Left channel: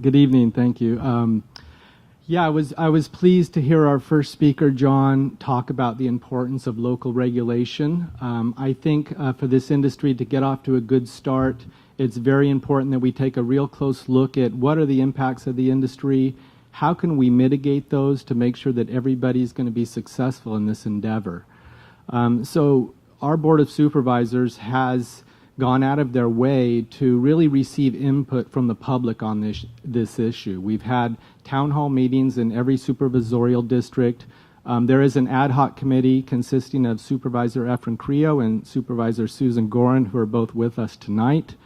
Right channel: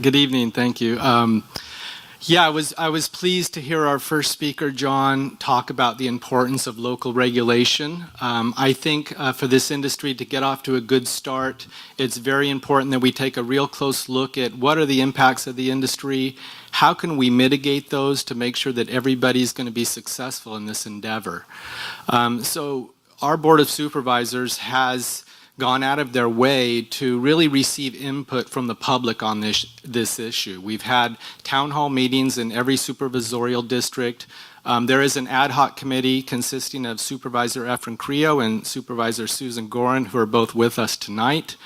Good evening. Thank you. Yeah, I was pleased to hear our first speaker, John, talk about the importance of local regulation. I think for this industry to get off to a good start, it's very important that we take a real close look at what are the impacts of the industry, how can we mitigate those to make sure that everybody's going to be successful in this endeavor. So our Board of Supervisors has gone out of their way to really receive input from the public on this issue. We've had town hall meetings in every supervisorial district. There is an ad hoc committee consisting of Supervisor Efren Creo and Supervisor Susan Gorin, who are both with us tonight.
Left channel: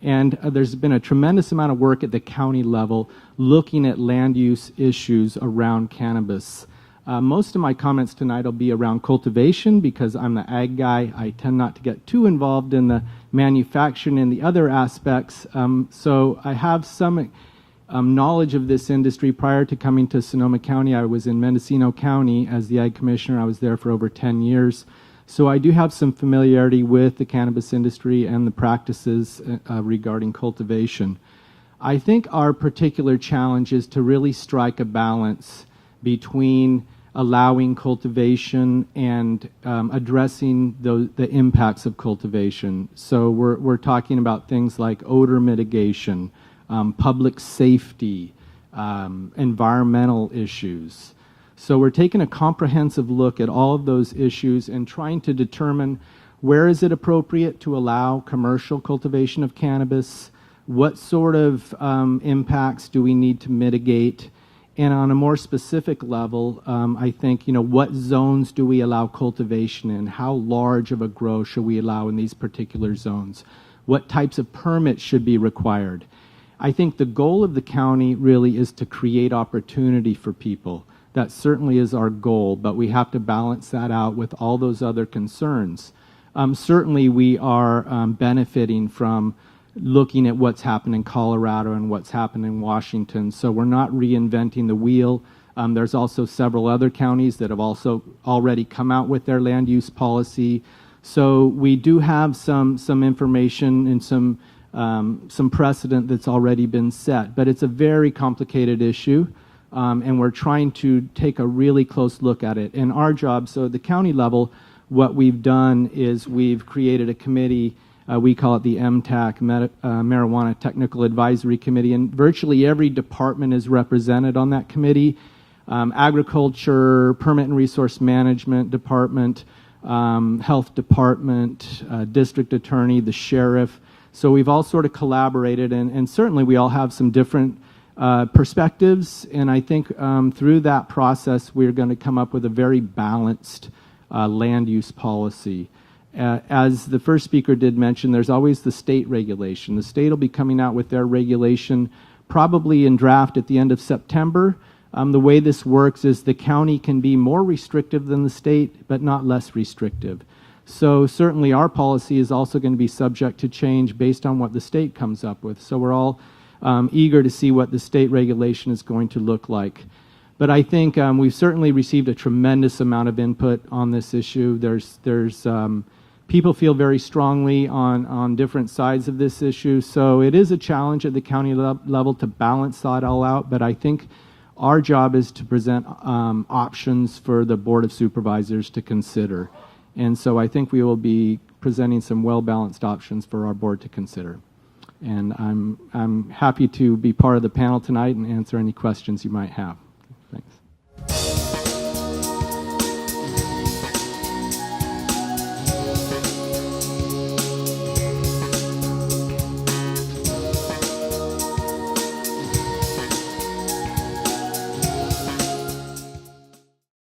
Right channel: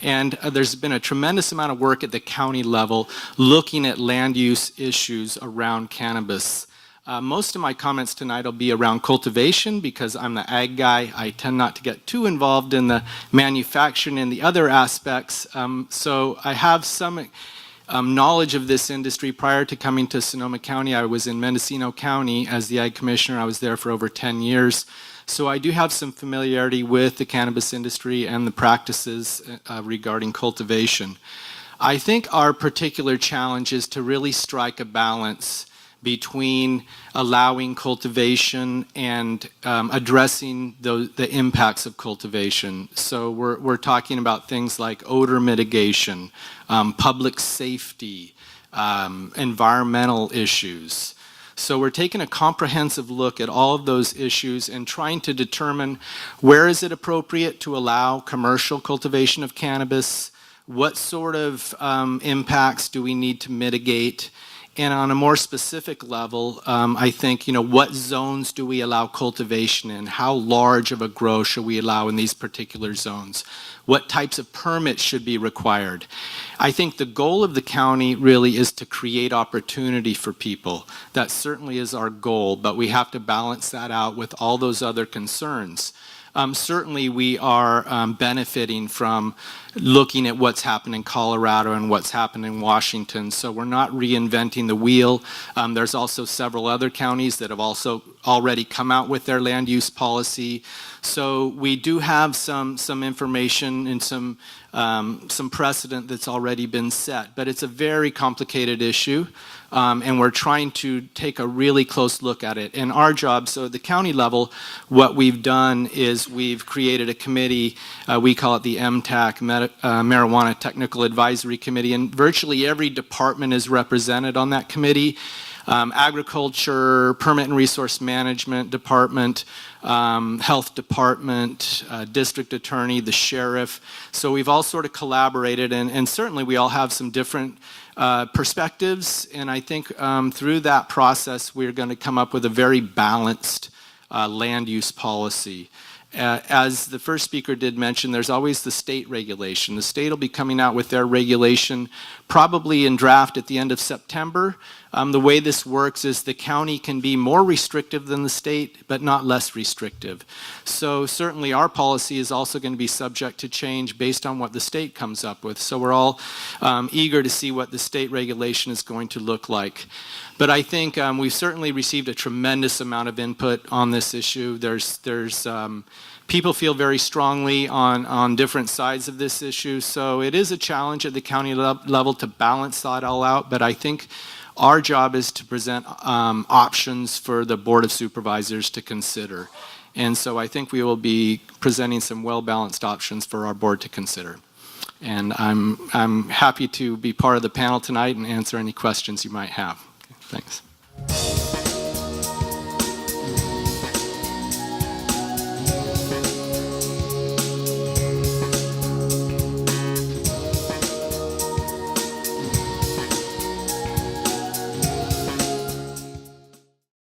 And there's been a tremendous amount of work at the county level looking at land use issues around cannabis. Most of my comments tonight will be around cultivation because I'm the ag guy. I tend not to get too involved in the manufacturing and the other aspects. So I have some knowledge of this industry. Prior to coming to Sonoma County, I was in Mendocino County as the ag commissioner. I was there for over 10 years. So I do have some familiarity with the cannabis industry and the practices regarding cultivation. I think our particular challenge is to really strike a balance between allowing cultivation and addressing the impacts of cultivation. So we're talking about things like odor mitigation, public safety, environmental issues. So we're taking a comprehensive look at all of those issues and trying to determine where is it appropriate to allow commercial cultivation of cannabis, what sort of impacts do we need to mitigate, and on a more specific level, I think, what zones do we allow cultivation in? How large of a grow should we allow in these particular zones? What types of permits should be required? I think the goal of the county really is to create opportunity for people. That certainly is our goal, but we have to balance that out with all those other concerns. Certainly we are benefiting from looking at what's happened in Colorado and what's happened in Washington, so we're not reinventing the wheel. There's also several other counties that have also already come out with their land use policy. So we do have some information and some precedent that's already been set, but it's a very complicated issue. And we're trying to take a really close look at it. And our job, so at the county level, what we've done is we've created a committee, we call it the MTAC, Marijuana Technical Advisory Committee, and virtually every department is represented on that committee. Agriculture, Permit and Resource Management Department, Health Department, District Attorney, the Sheriff. So we've all sort of collaborated, and certainly we all have some different perspectives, and I think through that process we're going to come up with a very balanced land use policy. As the first speaker did mention, there's always the state regulation. The state will be coming out with their regulation probably in draft at the end of September. The way this works is the county can be more restrictive than the state, but not less restrictive. So certainly our policy is also going to be subject to change based on what the state comes up with. So we're all eager to see what the state regulation is going to look like. But I think we've certainly received a tremendous amount of input on this issue. People feel very strongly on different sides of this issue. So it is a challenge at the county level to balance that all out, but I think our job is to present options for the Board of Supervisors to consider. And so I think we will be presenting some well-balanced options for our board to consider. And I'm happy to be part of the panel tonight and answer any questions you might have. Okay, thanks.